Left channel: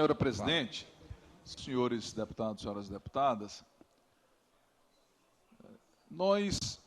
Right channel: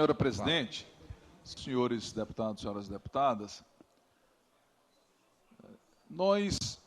Senhora presidente, senhores deputados, senhoras deputadas, nós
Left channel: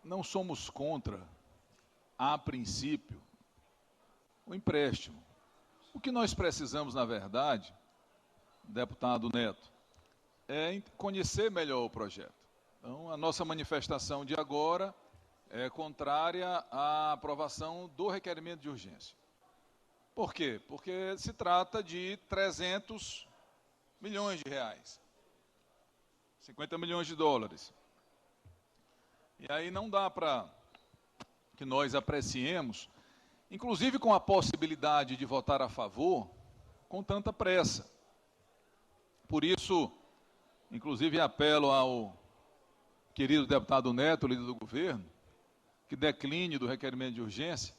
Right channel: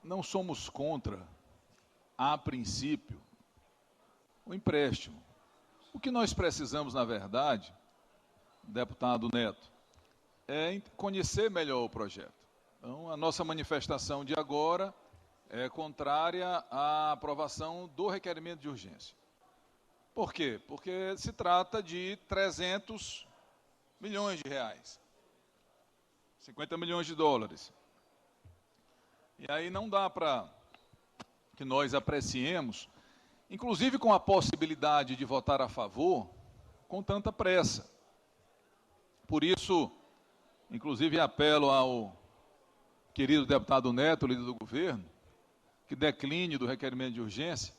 não somos contra, a princípio, o empréstimo. O que nós precisamos, na verdade, deputado Neto, é conhecer melhor o projeto. Então, a nossa manifestação de agora é contrária à aprovação do requerimento de urgência. Por quê? Porque se trata de 300 milhões de reais, 50 milhões de dólares. E aí não dá para que nós apreciemos, inclusive com a possibilidade de votar a favor, com tanta pressa. Por isso, inclusive apelo ao querido deputado Neto, líder do governo, que decline do requerimento de urgência,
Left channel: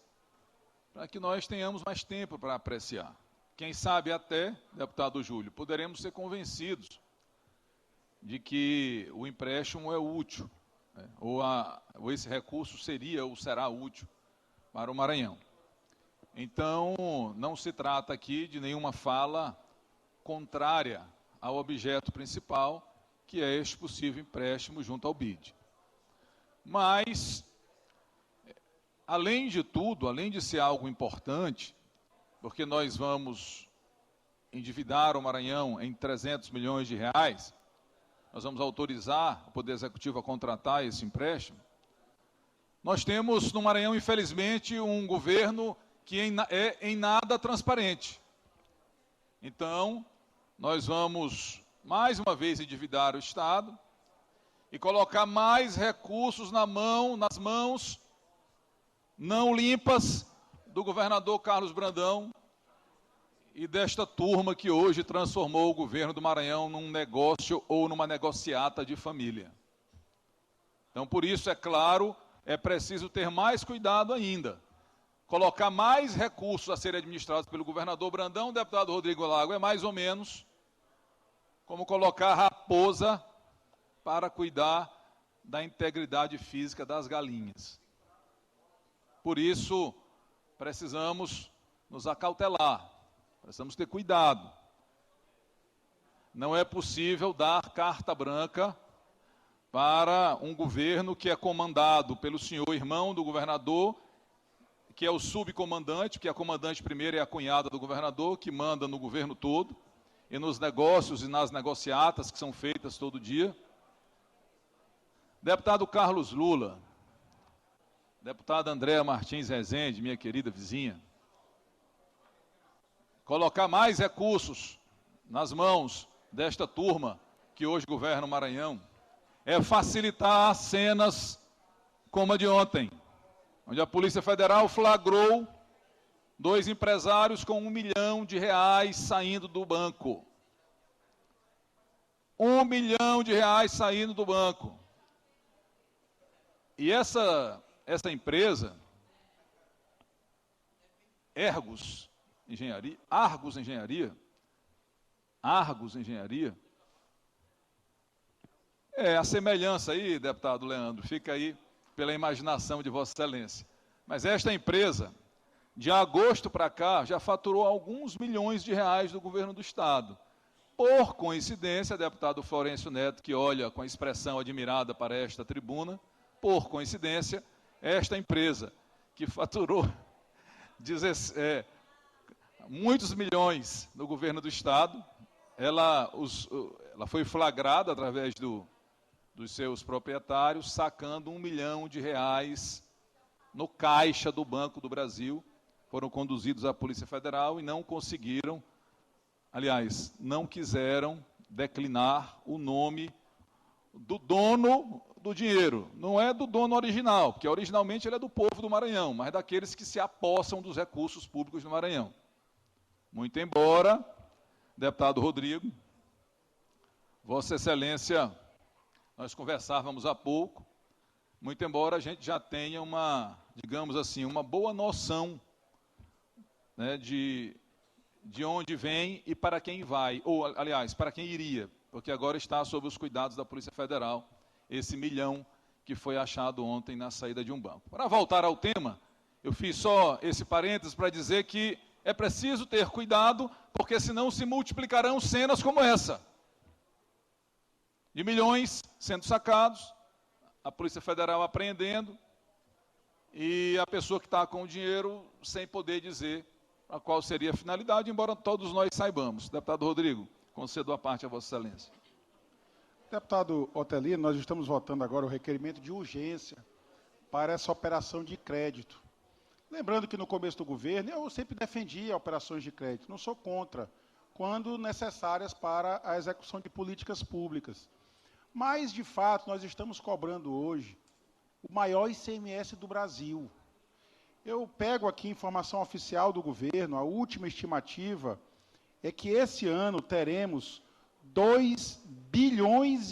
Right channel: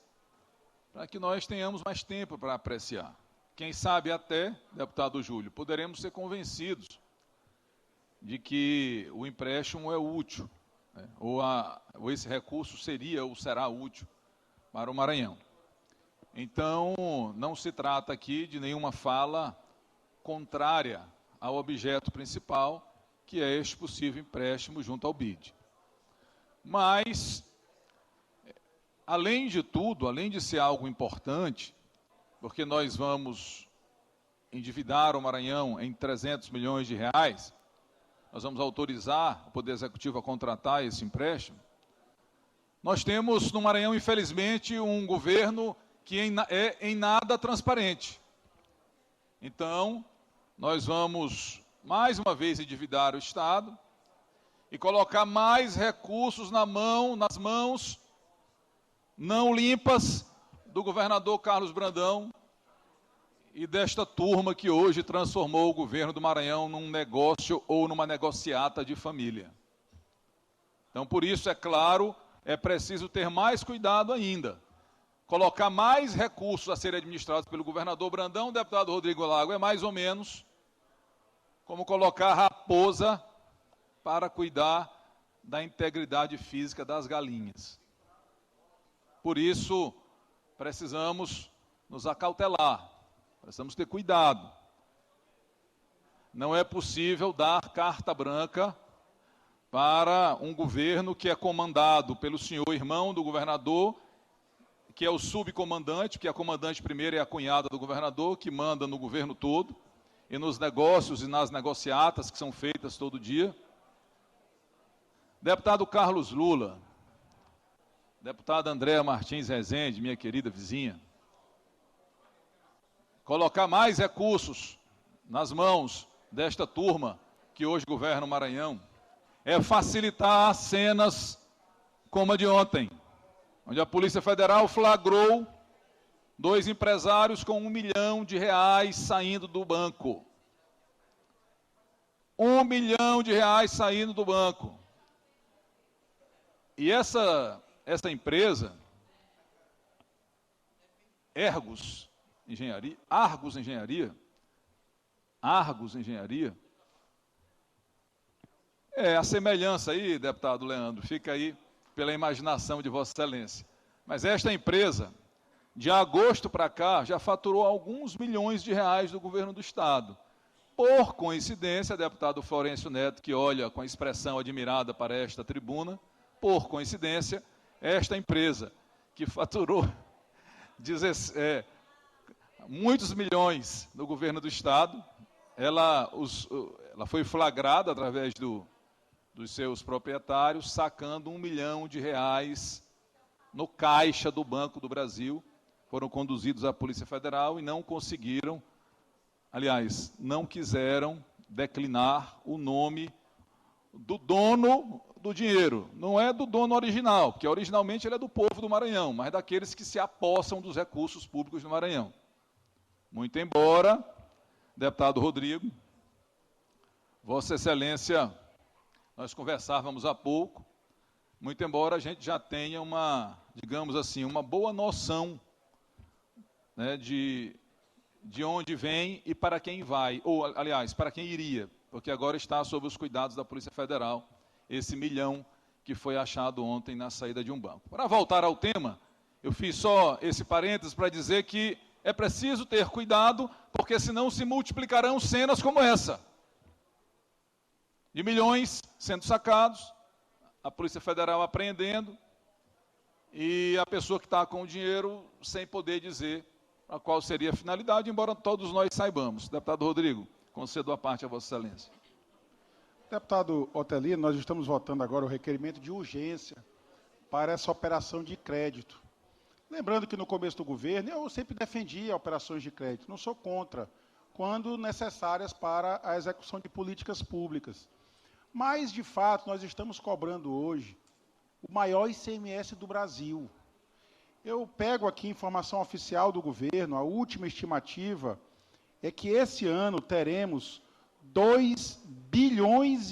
para que nós tenhamos mais tempo para apreciar. Quem sabe até, deputado Júlio, poderemos ser convencidos de que o empréstimo é útil, né? ou esse recurso seria ou será útil para o Maranhão. Então, não se trata aqui de nenhuma fala contrária ao objeto principal, que é este possível empréstimo junto ao BID. Mas, além de tudo, além de ser algo importante, porque nós vamos endividar o Maranhão em 300 milhões de reais, nós vamos autorizar o Poder Executivo a contratar esse empréstimo, nós temos no Maranhão, infelizmente, um governo que é em nada transparente. Então, nós vamos, mais uma vez, endividar o Estado e colocar mais recursos nas mãos não limpas do governador Carlos Brandão e desta turma que hoje transformou o governo do Maranhão num negócio ou numa negociata de família. Então, por isso, é claro, é preciso ter mais cuidado ainda. Colocar mais recursos a serem administrados pelo governador Brandão, deputado Rodrigo Lago, é mais ou menos como colocar a raposa para cuidar da integridade física das galinhas. Por isso, precisamos nos acautelar, precisamos ter cuidado. Não é possível dar carta branca para um governo que é comandado pelo senhor irmão do governador, que é o subcomandante, porque a comandante primeira é a cunhada do governador, que manda no governo todo, e nos negócios e nas negociatas que são feitas todo dia. Deputado Carlos Lula, deputada Andréa Martins Rezende, minha querida vizinha, colocar mais recursos nas mãos desta turma que hoje governa o Maranhão é facilitar cenas como a de ontem, onde a Polícia Federal flagrou 2 empresários com R$1 milhão saindo do banco. R$1 milhão saindo do banco. E essa empresa, Argos Engenharia, a semelhança aí, deputado Leandro, fica aí pela imaginação de Vossa Excelência. Mas esta empresa, de agosto para cá, já faturou alguns milhões de reais do governo do Estado. Por coincidência, deputado Florencio Neto, que olha com expressão admirada para esta tribuna, por coincidência, esta empresa, que faturou muitos milhões do governo do Estado, ela foi flagrada através dos seus proprietários, sacando R$1 milhão no caixa do Banco do Brasil. Foram conduzidos à Polícia Federal e não conseguiram, aliás, não quiseram declinar o nome do dono do dinheiro. Não é do dono original, porque originalmente ele é do povo do Maranhão, mas daqueles que se apossam dos recursos públicos do Maranhão. Muito embora, deputado Rodrigo, Vossa Excelência, nós conversávamos há pouco, muito embora a gente já tenha digamos assim, uma boa noção, né, de onde vem e para quem vai, ou, aliás, para quem iria, porque agora está sob os cuidados da Polícia Federal, esse R$1 milhão que foi achado ontem na saída de um banco. Para voltar ao tema, eu fiz só esse parênteses para dizer que É preciso ter cuidado, porque senão se multiplicarão cenas como essa. De milhões sendo sacados, a Polícia Federal apreendendo, e a pessoa que está com o dinheiro sem poder dizer a qual seria a finalidade, embora todos nós saibamos. Deputado Rodrigo, concedo a parte a Vossa Excelência. Deputado Otelino, nós estamos votando agora o requerimento de urgência para essa operação de crédito. Lembrando que no começo do governo eu sempre defendia operações de crédito, não sou contra, quando necessárias para a execução de políticas públicas. Mas, de fato, nós estamos cobrando hoje o maior ICMS do Brasil. Eu pego aqui informação oficial do governo, a última estimativa é que esse ano teremos 2,5 bilhões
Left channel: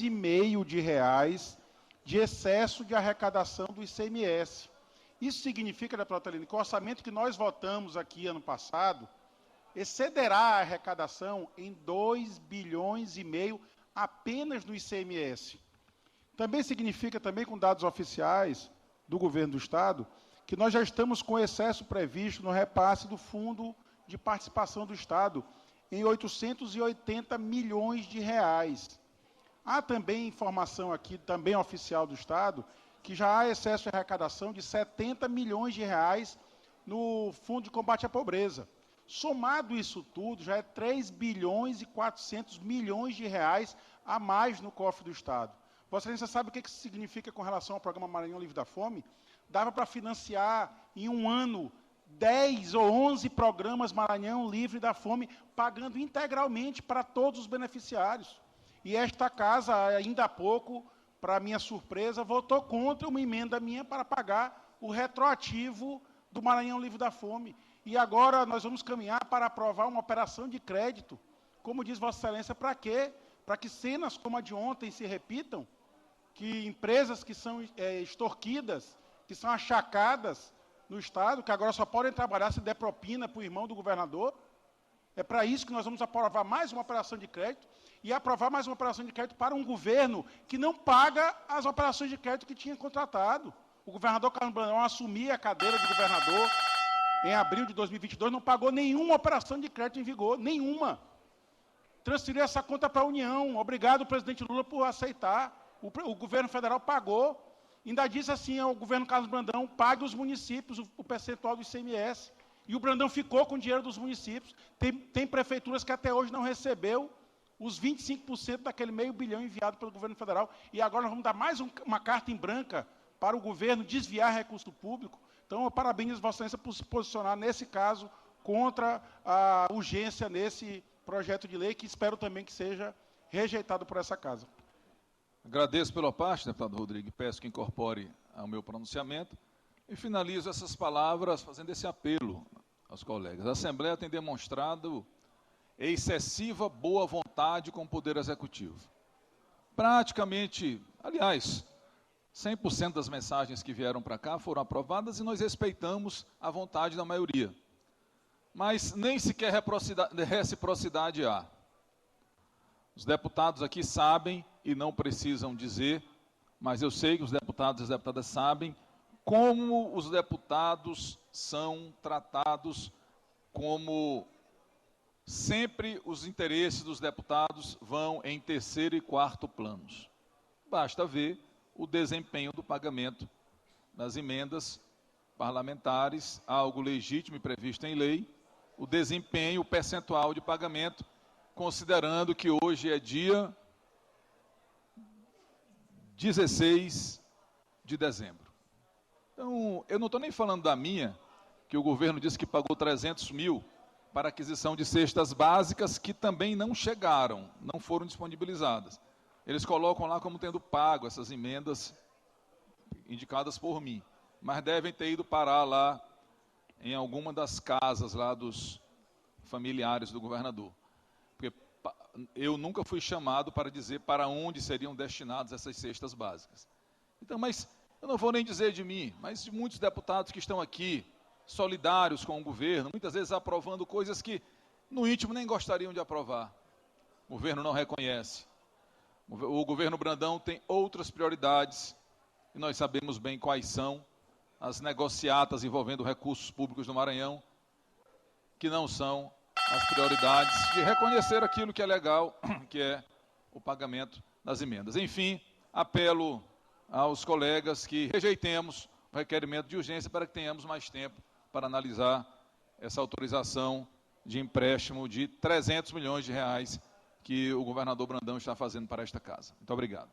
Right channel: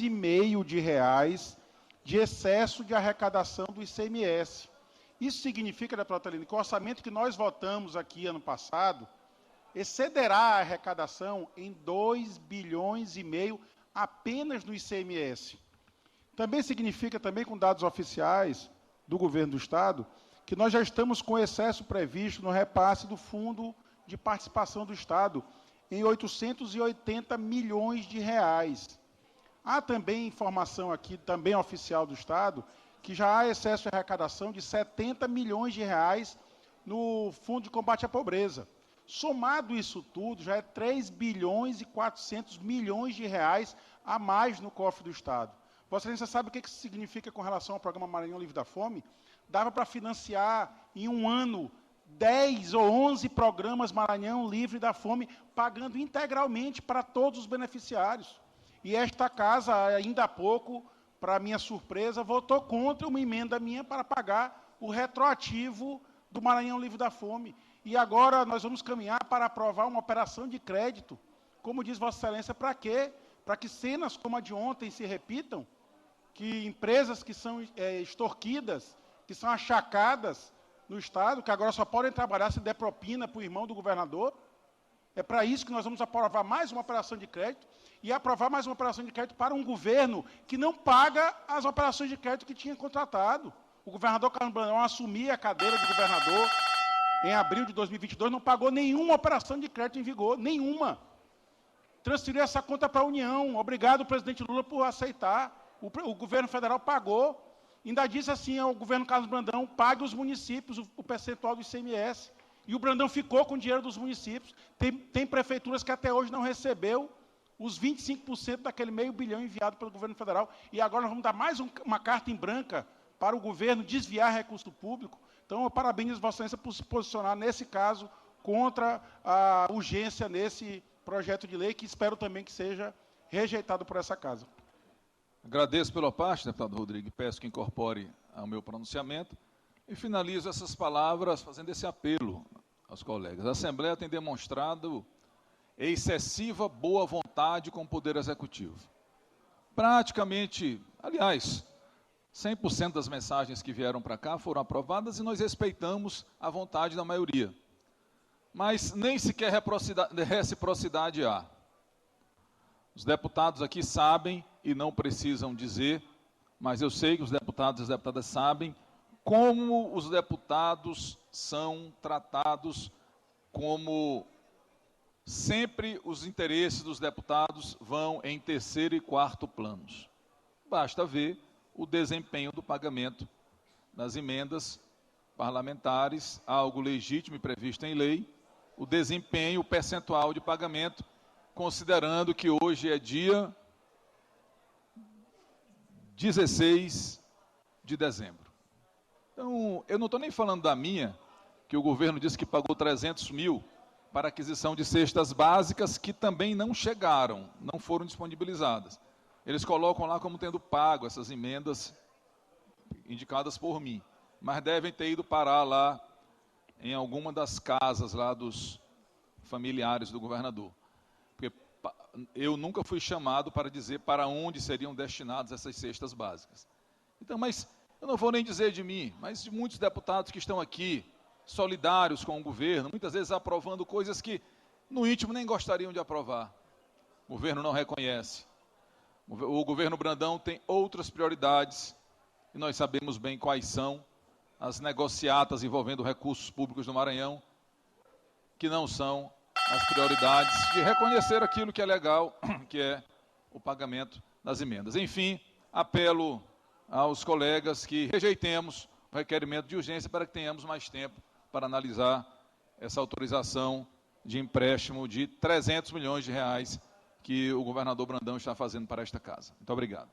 de reais de excesso de arrecadação do ICMS. Isso significa, deputado Otelino, que o orçamento que nós votamos aqui ano passado excederá a arrecadação em 2,5 bilhões apenas no ICMS. Também significa, também com dados oficiais do governo do Estado, que nós já estamos com excesso previsto no repasse do Fundo de Participação do Estado em 880 milhões de reais. Há também informação aqui, também oficial do Estado, que já há excesso de arrecadação de 70 milhões de reais no Fundo de Combate à Pobreza. Somado isso tudo, já é 3 bilhões e 400 milhões de reais a mais no cofre do Estado. Vossa Excelência sabe o que isso significa com relação ao Programa Maranhão Livre da Fome? Dava para financiar em um ano 10 ou 11 programas Maranhão Livre da Fome, pagando integralmente para todos os beneficiários. E esta casa, ainda há pouco, para minha surpresa, votou contra uma emenda minha para pagar o retroativo do Maranhão Livre da Fome. E agora nós vamos caminhar para aprovar uma operação de crédito. Como diz Vossa Excelência, para quê? Para que cenas como a de ontem se repitam, que empresas que são extorquidas, que são achacadas no Estado, que agora só podem trabalhar se der propina para o irmão do governador. É para isso que nós vamos aprovar mais uma operação de crédito e aprovar mais uma operação de crédito para um governo que não paga as operações de crédito que tinha contratado. O governador Carlos Brandão assumia a cadeira de governador em abril de 2022, não pagou nenhuma operação de crédito em vigor, nenhuma. Transferiu essa conta para a União. Obrigado, presidente Lula, por aceitar. O governo federal pagou. Ainda disse assim ao governo Carlos Brandão, pague os municípios o percentual do ICMS. E o Brandão ficou com o dinheiro dos municípios. Tem prefeituras que até hoje não recebeu os 25% daquele meio bilhão enviado pelo governo federal. E agora vamos dar mais uma carta em branca para o governo desviar recurso público. Então, eu parabenizo Vossa Excelência por se posicionar, nesse caso, contra a urgência nesse projeto de lei, que espero também que seja rejeitado por essa casa. Agradeço pela parte, deputado Rodrigo, e peço que incorpore ao meu pronunciamento. E finalizo essas palavras fazendo esse apelo aos colegas. A Assembleia tem demonstrado excessiva boa vontade com o Poder Executivo. Praticamente, aliás, 100% das mensagens que vieram para cá foram aprovadas e nós respeitamos a vontade da maioria. Mas nem sequer reciprocidade há. Os deputados aqui sabem e não precisam dizer, mas eu sei que os deputados e as deputadas sabem como os deputados são tratados, como sempre os interesses dos deputados vão em terceiro e quarto planos. Basta ver o desempenho do pagamento das emendas parlamentares, algo legítimo e previsto em lei, o desempenho, o percentual de pagamento, considerando que hoje é dia 16 de dezembro. Então, eu não estou nem falando da minha, que o governo disse que pagou 300 mil para aquisição de cestas básicas que também não chegaram, não foram disponibilizadas. Eles colocam lá como tendo pago essas emendas indicadas por mim, mas devem ter ido parar lá em alguma das casas lá dos familiares do governador. Porque eu nunca fui chamado para dizer para onde seriam destinadas essas cestas básicas. Então, mas eu não vou nem dizer de mim, mas de muitos deputados que estão aqui, solidários com o governo, muitas vezes aprovando coisas que no íntimo nem gostariam de aprovar. O governo não reconhece. O governo Brandão tem outras prioridades, e nós sabemos bem quais são as negociatas envolvendo recursos públicos do Maranhão, que não são as prioridades de reconhecer aquilo que é legal, que é o pagamento das emendas. Enfim, apelo aos colegas que rejeitemos o requerimento de urgência para que tenhamos mais tempo para analisar essa autorização de empréstimo de R$ 300 milhões que o governador Brandão está fazendo para esta casa. Muito obrigado.